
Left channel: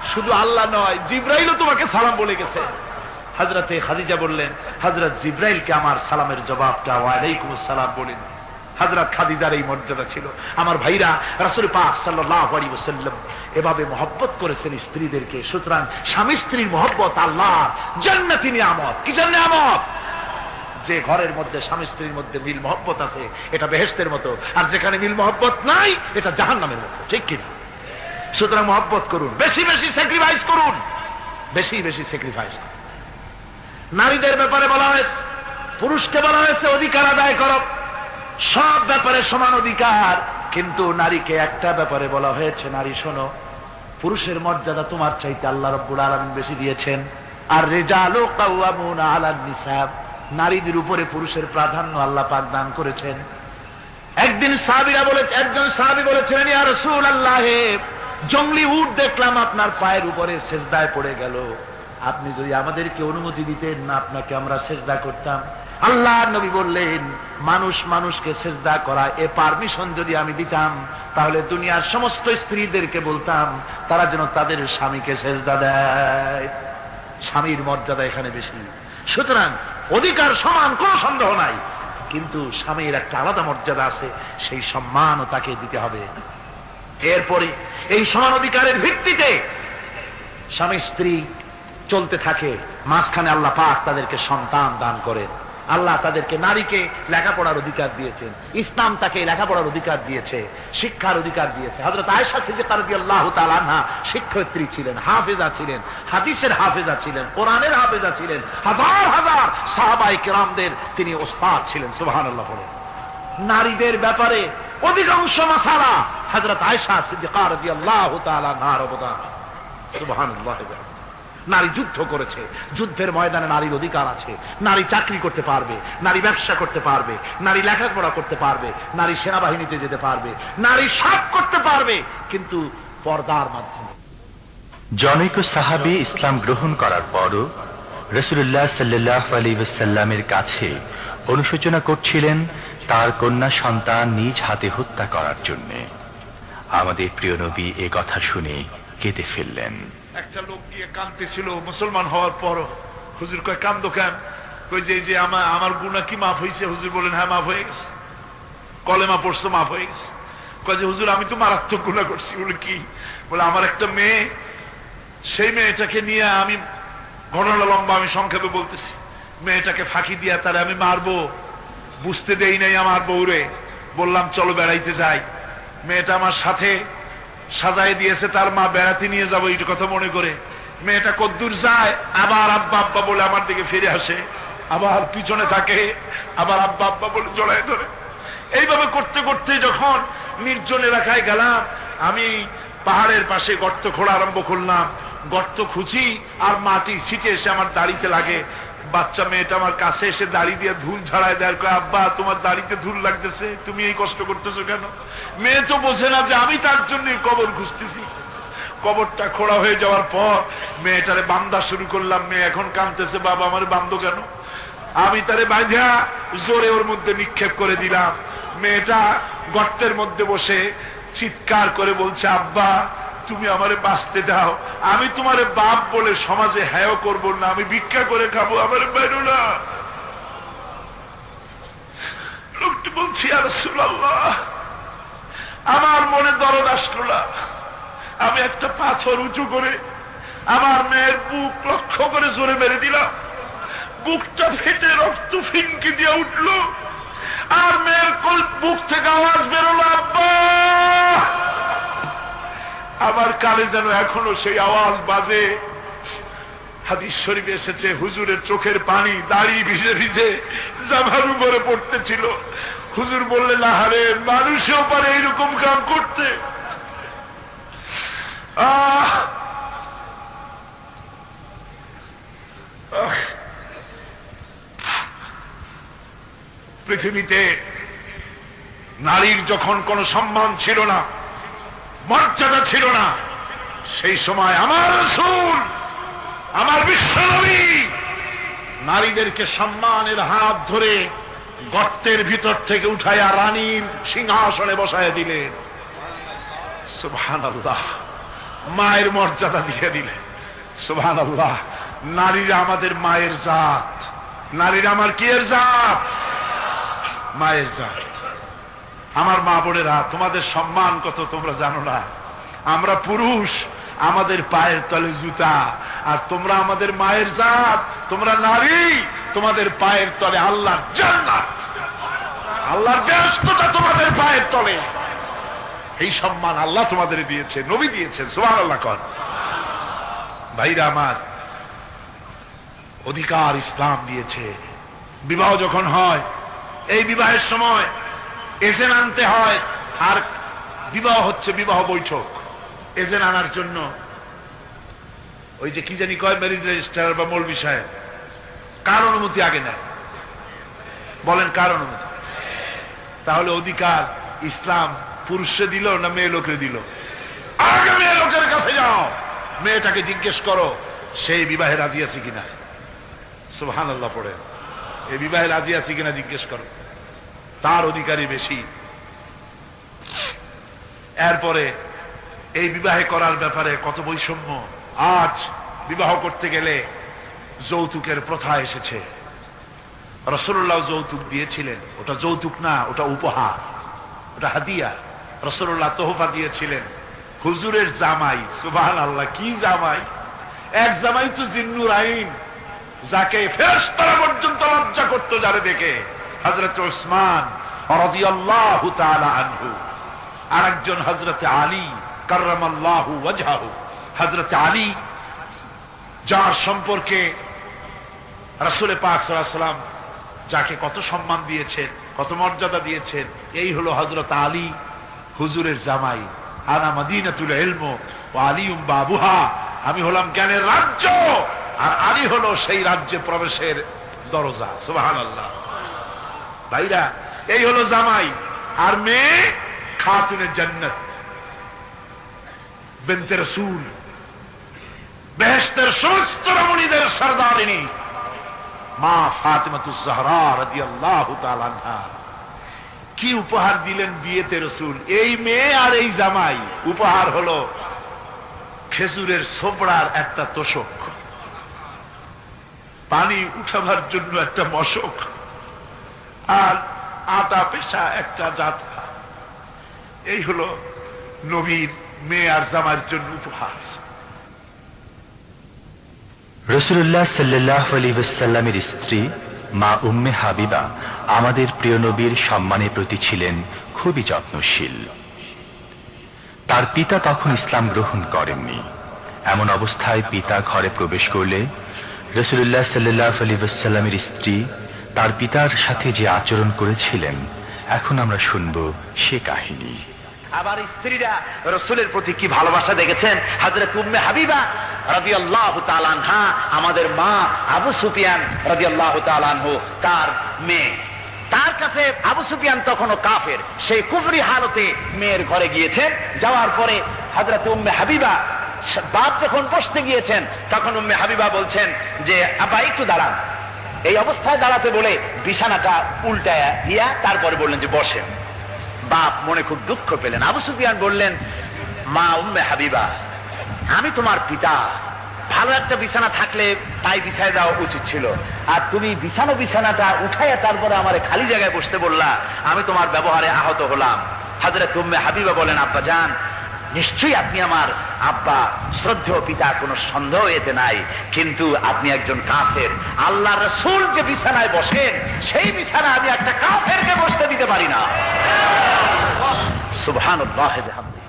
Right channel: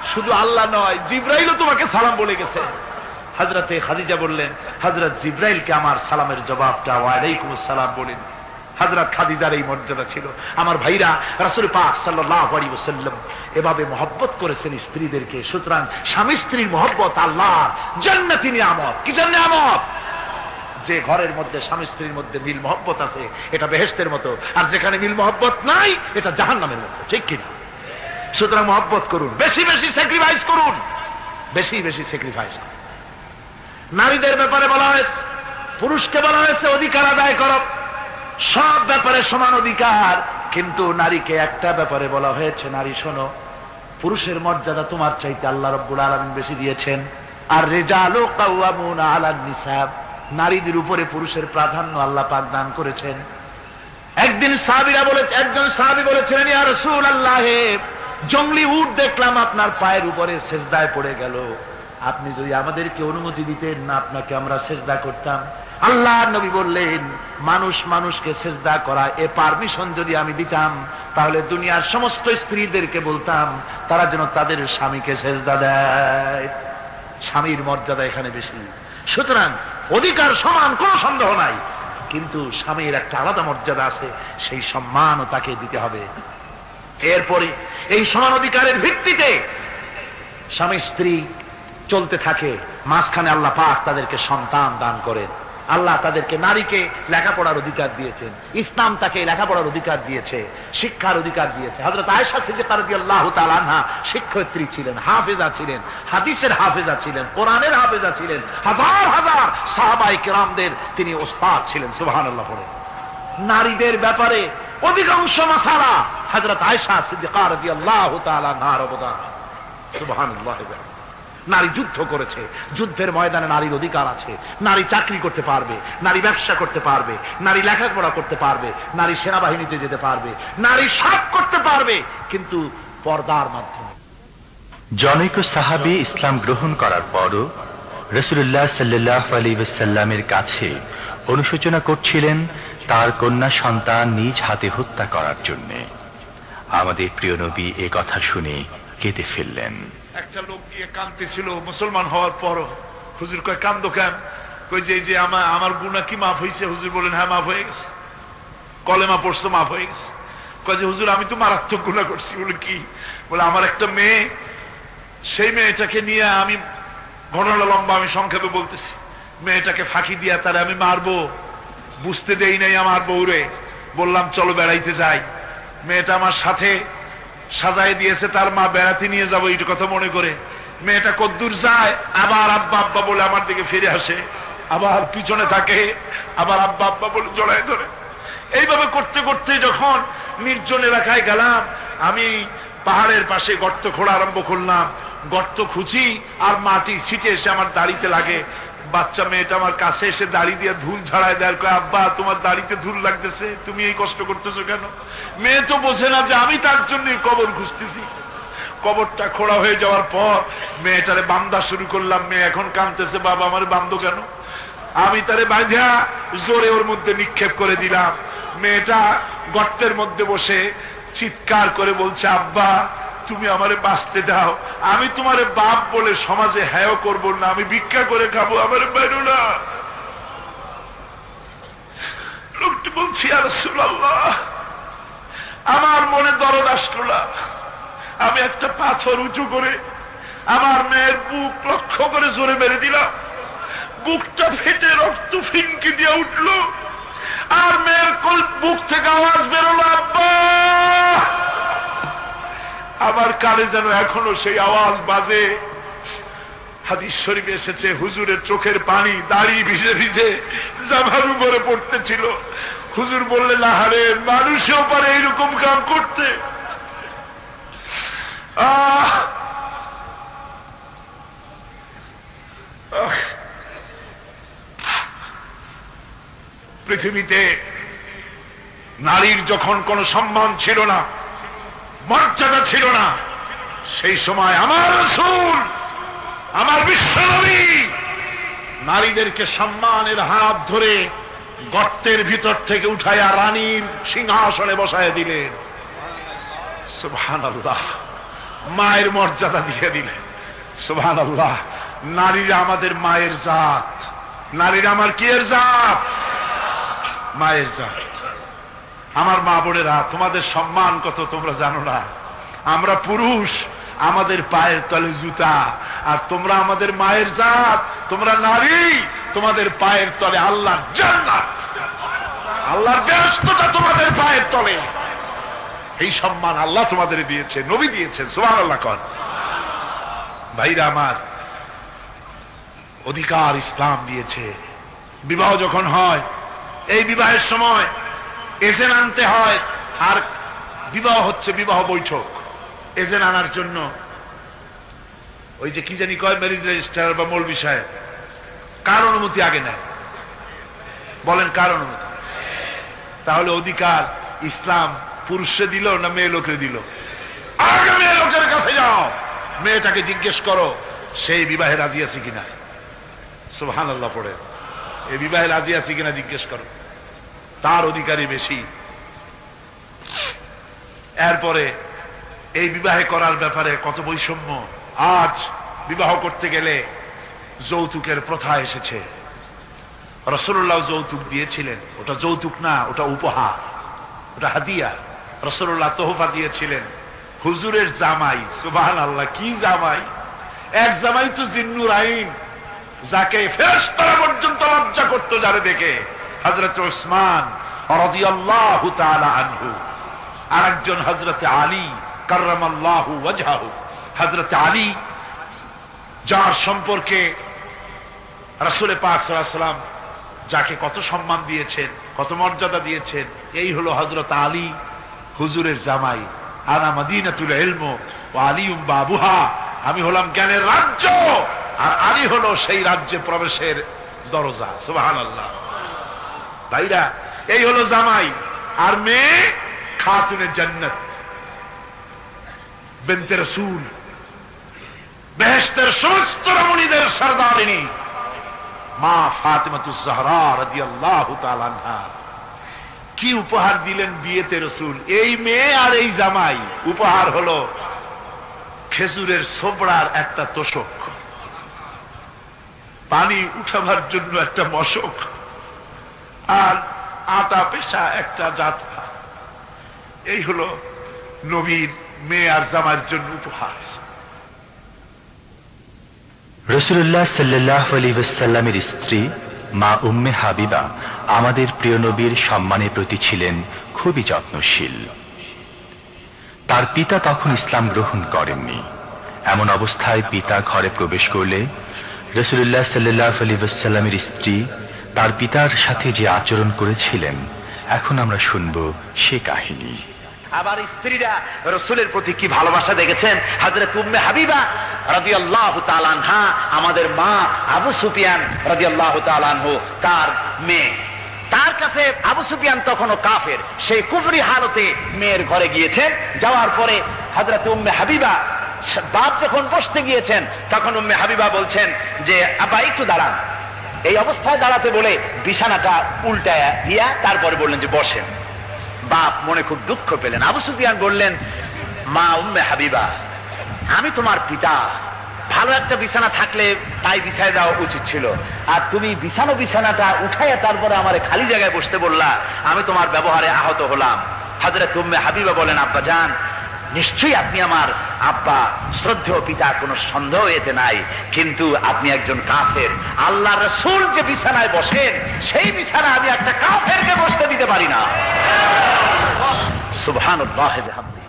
শুধু আল্লাহ নয়, জিব্রাইলও তোমাকে সালাম বলে গেছে। হযরতে খাদিজা বললেন, হযরত জিব্রাইলকে আমার সালামের জবাবটা ওয়ালাইকুম আসসালাম বলেন। হযরত খাদিজার এই মর্যাদা ছিল। আমার ভাইরা, রাসূল পাক সাল্লাল্লাহু আলাইহি ওয়াসাল্লাম এভাবে মহব্বত করেছেন স্ত্রীদেরকে। সুতরাং স্বামী স্ত্রীর মহব্বত আল্লাহর জান্নাতি নিয়ামত। কি নিয়ামত? যে ঘরের মধ্যে স্বামী স্ত্রীর মধ্যে মিল মহব্বত আছে এটা বেহেশতের মতো, আর যেখানে মিল মহব্বত নাই এটা জাহান্নামের মতো। ঠিক কিনা? সুতরাং মহব্বত করুন, বেশি বেশি স্যাক্রিফাইস করুন, বেশি বেশি স্যাক্রিফাইস করুন। নারীদের ব্যাপারে বলা হয়েছে, পুরুষকে বলা হয়েছে অধিকার আদায় করো, সব ব্যাপারে সমান অধিকার। কিন্তু নারীকে একটা ব্যাপারে বলা হয়েছে, নারী শোনো, পুরুষের মর্যাদা তোমার চাইতে আল্লাহ রাব্বুল আলামিন বেশি দিয়েছেন। আর রিজালু কাওয়ামুনা আলান নিসা, নারীদের উপরে পুরুষের প্রাধান্য আল্লাহ পাক দান করেছেন। একদিন একজন সাহাবী বলেছিলেন, ইয়া রাসূলুল্লাহ, জংলি উট দেখলাম আপনার পায়ের উপরে সেজদায় পড়ে গেল, আপনি যদি আমাদেরকে অনুমতি দিতেন না আপনাকে আমরা সেজদা করতাম। আল্লাহর নবী বললেন, মানুষ মানুষকে সেজদা করা এ পারমিশন যদি আমি দিতাম তাহলে দুনিয়ার সমস্ত স্ত্রীদেরকে বলতাম তারা যেন তাদের স্বামীকে সেজদা দেয়। স্বামীর মর্যাদা এখানে বেশি। সুতরাং অধিকার সমান, কোনো সন্দেহ নাই, কিন্তু স্বামীর একটা আলাদা মর্যাদা আছে, সেই সম্মানও তাকে দিতে হবে। এরপরে এই সমান অধিকারের ভিত্তিতে স্বামী স্ত্রী চলতে থাকে, মাঝখানে আল্লাহ পাক তাদেরকে সন্তান দান করেন। আল্লাহ তাদেরকে, নারীকে লেখাপড়ার অধিকার দিয়েছেন, ইসলাম তাকে লেখাপড়ার অধিকার দিয়েছে, শিক্ষার অধিকার দিয়েছে। হযরত আয়েশা সিদ্দিকা রাদিয়াল্লাহু তাআলা আনহা শিক্ষয়িত্রী ছিলেন, হাফেজা ছিলেন, হাদিসের হাফেজা ছিলেন, কোরআনের হাফেজা ছিলেন, হাজার হাজার সাহাবায়ে কেরামদের তিনি ওস্তাদ ছিলেন। সুবহানাল্লাহ বলে। নারীদের ব্যাপারে অধিকাংশ মাসালা হযরত আয়েশা সিদ্দিকা রাদিয়াল্লাহু তাআলা আনহার অবদান। সুবহানাল্লাহ। নারী যুদ্ধ করেছে, যুদ্ধের ময়দানে নারীর অধিকার আছে। নারী চাকরি করতে পারবে, নারী ব্যবসা করতে পারবে, নারী লেখাপড়া করতে পারবে, নারী সেনাবাহিনীতে যেতে পারবে, নারী সব করতে পারবে, কিন্তু পর্দার মাধ্যমে। জনৈক সাহাবী ইসলাম গ্রহণ করার পরও রাসূলুল্লাহ সাল্লাল্লাহু আলাইহি ওয়াসাল্লামের কাছে অনুশোচনা করছিলেন তার কন্যা সন্তান নিজ হাতে হত্যা করার জন্য। আমাদের প্রিয় নবী এ কথা শুনে কেঁদে ফেললেন। একটা লোক গিয়ে কাঁদতেছিল মুসলমান হওয়ার পরও। হুজুর কয়, কান্দো কেন? কই যে আমার গুনাহ কি মাফ হয়েছে? হুজুর বলেন, হ্যাঁ মাফ হয়ে গেছে, কলেমা পড়ছো মাফ হয়ে গেছে। কয় যে হুজুর আমি তো মারাত্মক গুনাহ করছি। বলে কি? বলে আমার একটা মেয়ে, সেই মেয়েটাকে নিয়ে আমি, ঘটনা লম্বা, আমি সংক্ষেপে বলতেছি, মেয়েটাকে ফাঁকি দিয়া তারে আমি মারবো, বুঝতে দেই নাই আমার বউরে। বললাম চলো বেড়াইতে যাই, মেয়েটা আমার সাথে সাজায় দিয়েছে, তার মা বেড়াতে নিয়ে যাবো এই কথা মনে করে। মেয়েটা কদ্দূর যায়, আবার আব্বা আব্বা বলে আমার দিকে ফিরে আসে, আবার পিছনে থাকে, আবার আব্বা আব্বা বলে জড়ায় ধরে। এইভাবে করতে করতে যখন নির্জন এলাকায় গেলাম, আমি পাহাড়ের পাশে গর্ত খোঁড়া আরম্ভ করলাম। গর্ত খুঁজি আর মাটি ছিটে এসে আমার দাড়িতে লাগে। বাচ্চা মেয়েটা আমার কাছে এসে দাড়ি দিয়ে ধুল ঝাড়ায় দেয়, কয় আব্বা তোমার দাড়িতে ধুল লাগতেছে, তুমি এই কষ্ট করতেছো কেন? মেয়ে তো বোঝে না যে আমি তার জন্য কবর খুঁজতেছি। কবরটা খোঁড়া হয়ে যাওয়ার পর মেয়েটারে বান্ধা শুরু করলাম। মেয়ে এখন কাঁদতেছে, বাবা আমার বান্ধো কেন? আমি তারে বাঁধা জোরে ওর মধ্যে নিক্ষেপ করে দিলাম। মেয়েটা গর্তের মধ্যে বসে চিৎকার করে বলছে, আব্বা তুমি আমারে বাঁচতে দাও, আমি তোমারে বাপ বলে সমাজে হ্যাঁ করবো না, আমি ভিক্ষা করে খাবো, আমারে বেরো না। লোকটি বলছি, ইয়া রাসূলুল্লাহ, আমার মনে দরদ আসলো না। আমি একটা পাথর উঁচু করে আমার মেয়ের বুক লক্ষ্য করে জোরে মেরে দিলাম। বুকটা ফেটে রক্ত ফিনকি দিয়ে উঠলো, আর মেয়ের বুক থেকে আওয়াজ বেরোলো, আব্বা। আমার কানে যেন এখনো সেই আওয়াজ বাজে। হাদিস শরীফে এসেছে, হুজুরের চোখের পানি দাড়ি ভিজে ভিজে জামার উপরে পড়তেছিল। হুজুর বললেন, আহারে, মানুষও পারে এইরকম কাম করতে। পৃথিবীতে নারীর যখন কোনো সম্মান ছিল না, মর্যাদা ছিল না, সেই সময় আমার রাসূল, আমার বিশ্বনবী নারীদেরকে সম্মানের হাত ধরে গর্তের ভিতর থেকে উঠাইয়া রানীর সিংহাসনে বসায় দিলেন। সুবহানাল্লাহ। মায়ের মর্যাদা দিয়ে দিলেন। সুবহানাল্লাহ। নারীরা আমাদের মায়ের জাত, নারীরা আমার কি এর জাত? মায়ের জাত। আমার মা বোনেরা, তোমাদের সম্মান কত তোমরা জানো না। আমরা পুরুষ, আমাদের পায়ের তলে জুতা, আর তোমরা আমাদের মায়ের জাত, তোমরা নারী, তোমাদের পায়ের তলে আল্লাহর জান্নাত, আল্লাহর ব্যস্ততা তোমাদের পায়ের তলে। এই সম্মান আল্লাহ তোমাদের দিয়েছে, নবী দিয়েছেন। সুবহানাল্লাহ কর। ভাইরা আমার, অধিকার ইসলাম দিয়েছে। বিবাহ যখন হয়, এই বিবাহের সময় এজেন্ট আনতে হয়। আর বিবাহ হচ্ছে বিবাহ বৈঠক। এজেন্ট আনার জন্য ওই যে কি জানি কয়, ম্যারেজ রেজিস্ট্রার বা মৌলবি সাহেব, কার অনুমতি আগে নেয়? বলেন কার অনুমতি? তাহলে অধিকার ইসলাম পুরুষে দিল না মেয়ে লোকে দিল? আগে মেয়ে লোকের কাছে যাও, মেয়েটাকে জিজ্ঞেস করো সেই বিবাহে রাজি আছে কিনা। সুবহানাল্লাহ পড়ে, এই বিবাহে রাজি আছে কিনা জিজ্ঞেস করো, তার অধিকারই বেশি। এরপরে এই বিবাহে করার ব্যাপারে কত বৈষম্য। আজ বিবাহ করতে গেলে যৌতুকের প্রথা এসেছে। রাসূলুল্লাহ যৌতুক দিয়েছিলেন, ওটা যৌতুক না, ওটা উপহার, ওটা হাদিয়া। রাসূলুল্লাহ তোহফা দিয়েছিলেন হুজুরের জামাই। সুবহানাল্লাহ, কি জামাই! এক জামাই তো জিন্নুর আইন, যাকে ফেরেশতারা পর্যন্ত লজ্জা করতো যারে দেখে, হযরত উসমান রাদিয়াল্লাহু তাআলা আনহু। আর একজন হযরত আলী কাররামাল্লাহু ওয়াজহাহু। হযরত আলী, যার সম্পর্কে রাসূল পাক সাল্লাল্লাহু আলাইহি ওয়াসাল্লাম যাকে কত সম্মান দিয়েছেন, কত মর্যাদা দিয়েছেন, এই হলো হযরত আলী হুজুরের জামাই। আনা মদিনাতুল ইলম ওয়া আলিউম বাবুহা, আমি হলাম জ্ঞানের রাজ্য, আর আলী হলো সেই রাজ্যে প্রবেশের দরজা। সুবহানাল্লাহ। ভাইরা, এই হলো জামাই। আর মেয়ে খাতুনে জান্নাত, বিনতে রাসূল, বেহেশতের সমস্ত রমণীদের সরদারিনী মা ফাতিমাতুজ জাহরা রাদিয়াল্লাহু তাআলা আনহা। কি উপহার দিলেন বিয়েতে রাসূল! এই মেয়ে আর এই জামাই। উপহার হলো খেজুরের ছোবড়ার একটা তোষক, পানি উঠাবার জন্য একটা মশক, আর আটা পেশা একটা জাতকা। এই হলো নবীর মেয়ে আর জামাইয়ের জন্য উপহার। রাসূলুল্লাহ সাল্লাল্লাহু আলাইহি ওয়াসাল্লামের স্ত্রী মা উম্মে হাবিবা আমাদের প্রিয় নবীর সম্মানের প্রতি ছিলেন খুবই যত্নশীল। তার পিতা তখন ইসলাম গ্রহণ করেননি। এমন অবস্থায় পিতা ঘরে প্রবেশ করলে রাসূলুল্লাহ সাল্লাল্লাহু আলাইহি ওয়াসাল্লামের স্ত্রী তার পিতার সাথে যে আচরণ করেছিলেন, এখন আমরা শুনব সে কাহিনী। আবার স্ত্রীরা রাসূলের প্রতি কি ভালোবাসা দেখেছেন। হযরত উম্মে হাবিবা রাদিয়াল্লাহু তাআলা আনহা, আমাদের মা আবু সুফিয়ান রাদিয়াল্লাহু তাআলা আনহু, তার মেয়ে। তার কাছে আবু সুফিয়ান তখনও কাফের, সেই কুফরি হালতে মেয়ের ঘরে গিয়েছেন। যাওয়ার পরে হযরত উম্মে হাবিবা বাপ যখন বসতে গিয়েছেন, তখন উম্মে হাবিবা বলছেন যে আব্বা একটু দাঁড়ান। এই অবস্থায় দাঁড়াতে বলে বিছানাটা উল্টায়া দিয়া তারপরে বললেন যে বসেন। বাপ মনে খুব দুঃখ পেলেন। আবু সুফিয়ান বললেন, মা উম্মে হাবিবা, আমি তোমার পিতা, ভালো একটা বিছানা থাকলে তাই বিছায় দেওয়া উচিত ছিল, আর তুমি বিছানাটা উঠাইয়া তারপরে আমার খালি জায়গায় বসতে বললা, আমি তোমার ব্যবহারে আহত হলাম। হযরত উম্মে হাবিবা বলেন, আব্বা জান, নিশ্চয়ই আপনি আমার আব্বা, শ্রদ্ধেয় পিতা, কোনো সন্দেহ এতে নাই, কিন্তু আপনি একজন কাফের। আল্লাহ রাসূল যে বিছানায় বসেন, সেই বিছানা আমি একটা কাফেরকে বসতে দিতে পারি না। সুবহানাল্লাহ।